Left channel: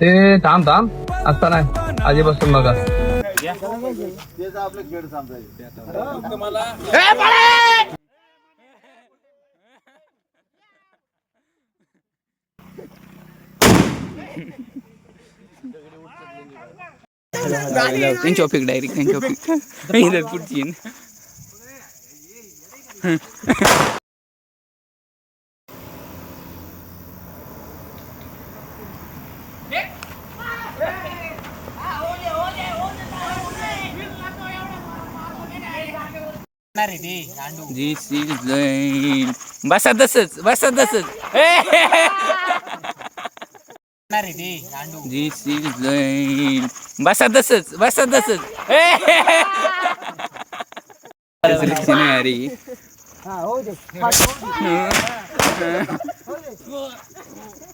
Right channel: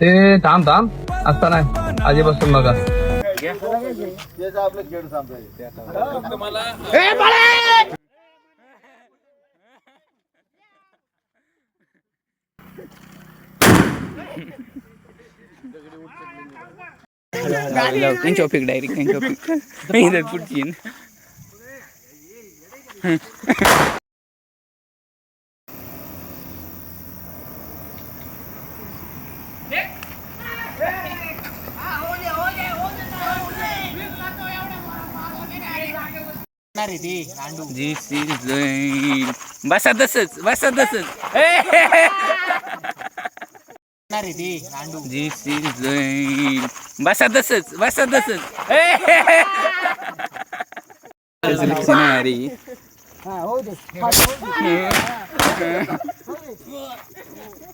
ते थांब आता नाही आधीपासून बघा. टॉपिक डायरेक्ट टॉपिक पुढची बसा तसच बसा तसच सिलेक्शन आहे अरे.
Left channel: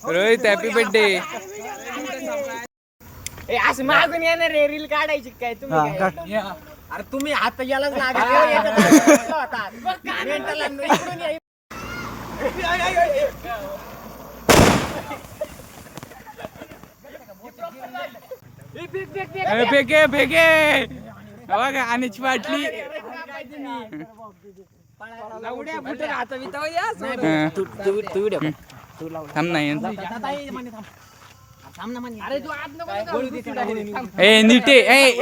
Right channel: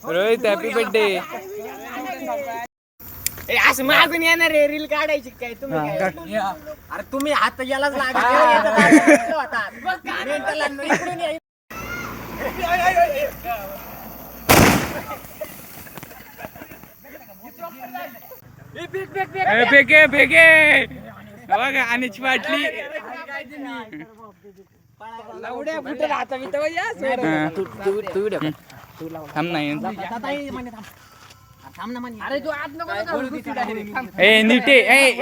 Rohit happy birthday. असं मागून येणार रे रील काढायची काय तुम्ही? अरे तुम्ही हात यालाच फेके बघा आणीची बाटली. नीटे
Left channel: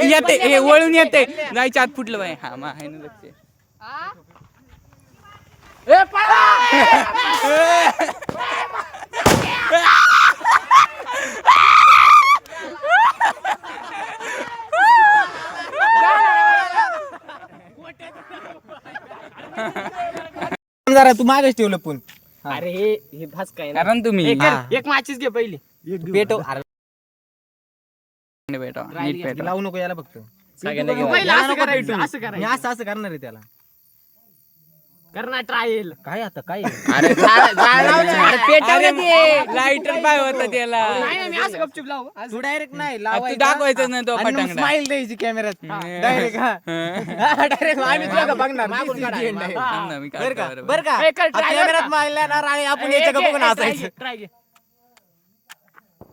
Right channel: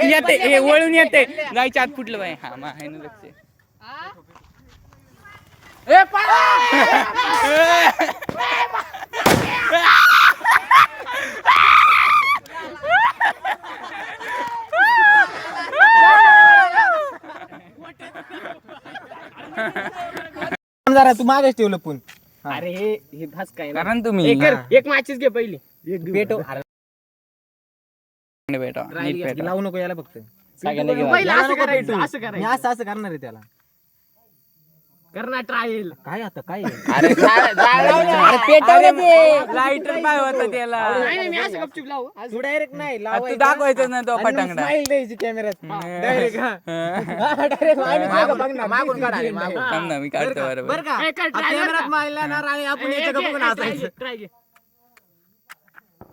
येते वळून येते जायच्या आत फुटलं बाय. हा मग आहे ना लक्ष. जरा तू मागच ठेवलं पण. अरे हे भास काय ना तुम्ही एक माचीच घे पहिली पेटव. लावू नको याला फक्त असं करणार आहे त्याला. करणार ट्रायल काय आता काय लाईटर काय होतं त्याला तू डायरेक्ट नाही तू दाखवायचं ना तो फटांगडा. स्माइल द्यायची कॅमेऱ्यात डायरेक्ट. मी काढतो बरं का कॅमेऱ्यात मारला ना आणि आपण याच्या बघून हसायचं.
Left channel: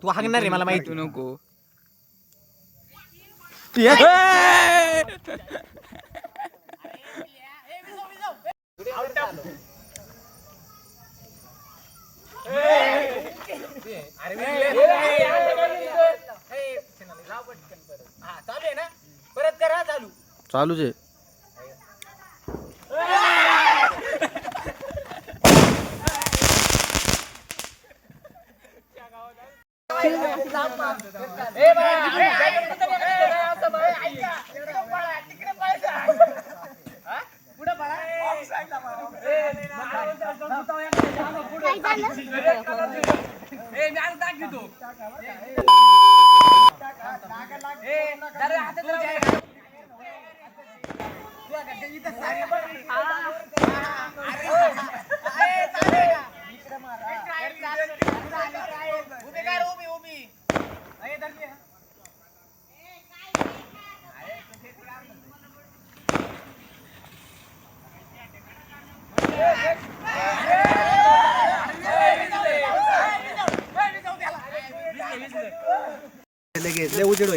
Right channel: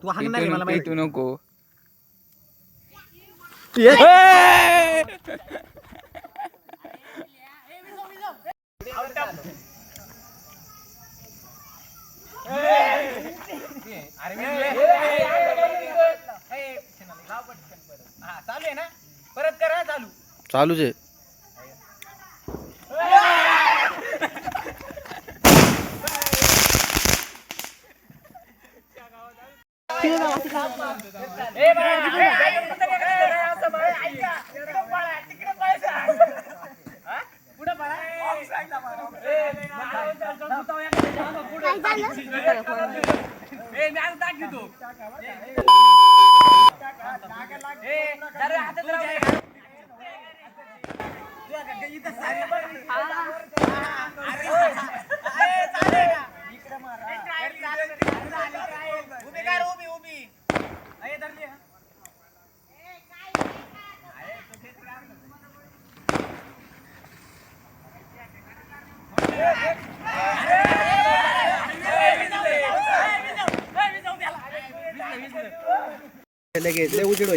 तू हागणार आहे मला माहिती. तू नको चालू आहे ना परत करा चालू. चालूच आहे.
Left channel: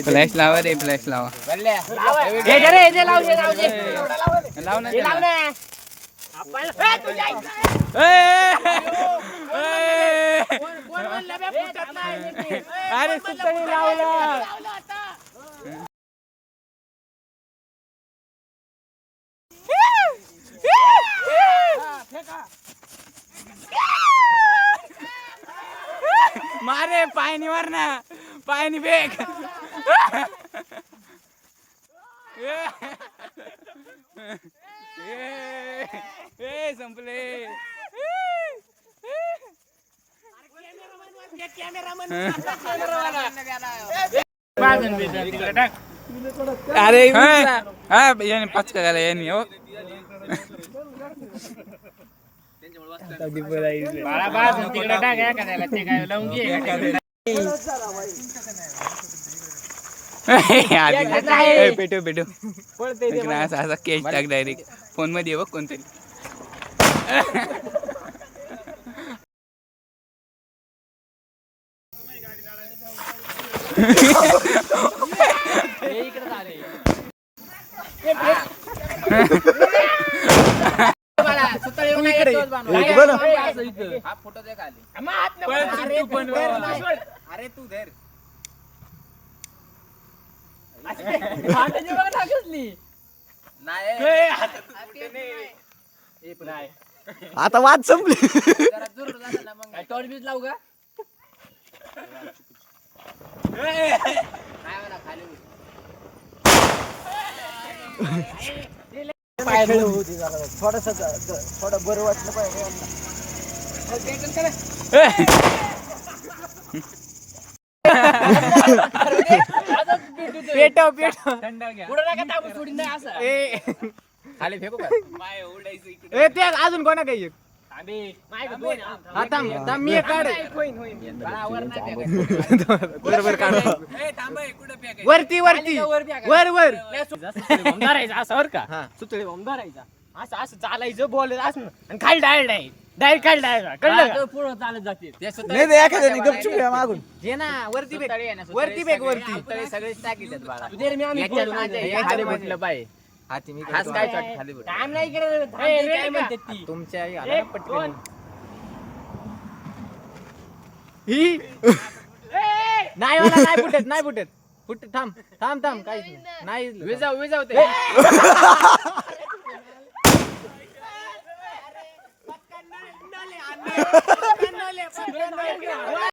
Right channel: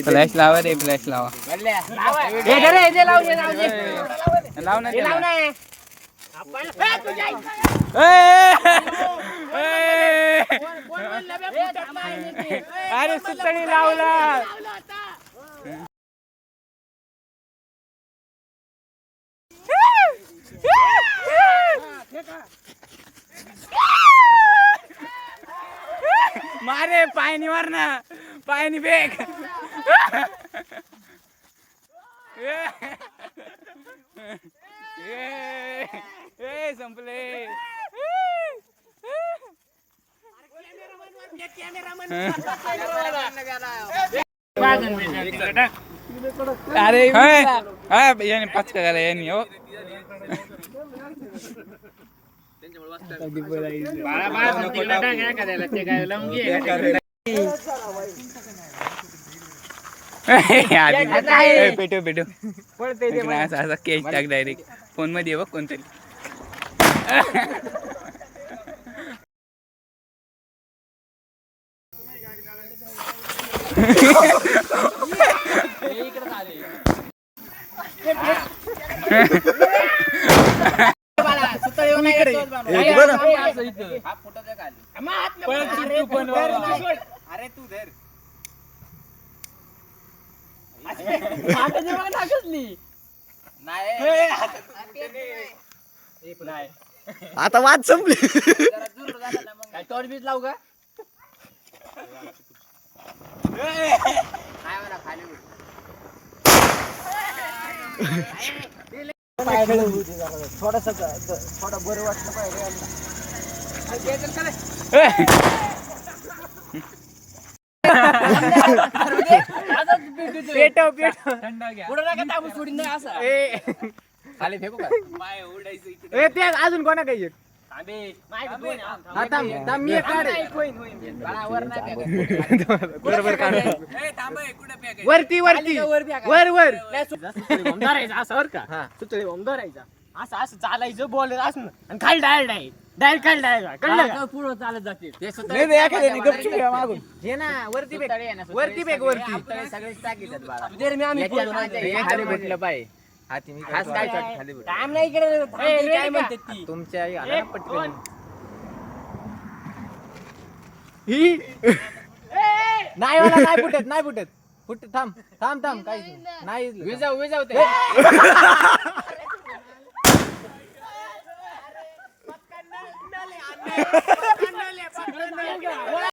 फ्लॅश लावा रे फ्लॅश लावा. लाव ना त्याला. अरे सुतळी लावला. मारे पायनी मार ना पायनी बेग. संपले. अरे याने पाच करायला याने हो. पेटो पेटो असा केक टाक डायरेक्ट फोन मध्ये बघ कोणतरी. अरे तू धर नाही आता वाद संपली. टॉर्च बीच लावू का थोडं बरं वाटलं पाहिजे. खाली फेकू का अजून कोणा काही मी एक काढ बरोबर काढ. वरती वरती वर वर धरायचा असं बर का सुतळी बॉम्ब धरायचा असं असं चालायचं बॉल असं आणि खाली डायरेक्ट खाली डायरेक्ट कळलं पुढं चालत जाते मागून हे ना वरती बेग वरती बेग वरती सगळे टाकीतात बाळा खाली भेटलं पाहिजे. काम नाही करत काय म्हणतात ती तुमच्या नाही मला नाही फुटत नाही फुटत थांब थांब थांब काहीच नाही विजाव ते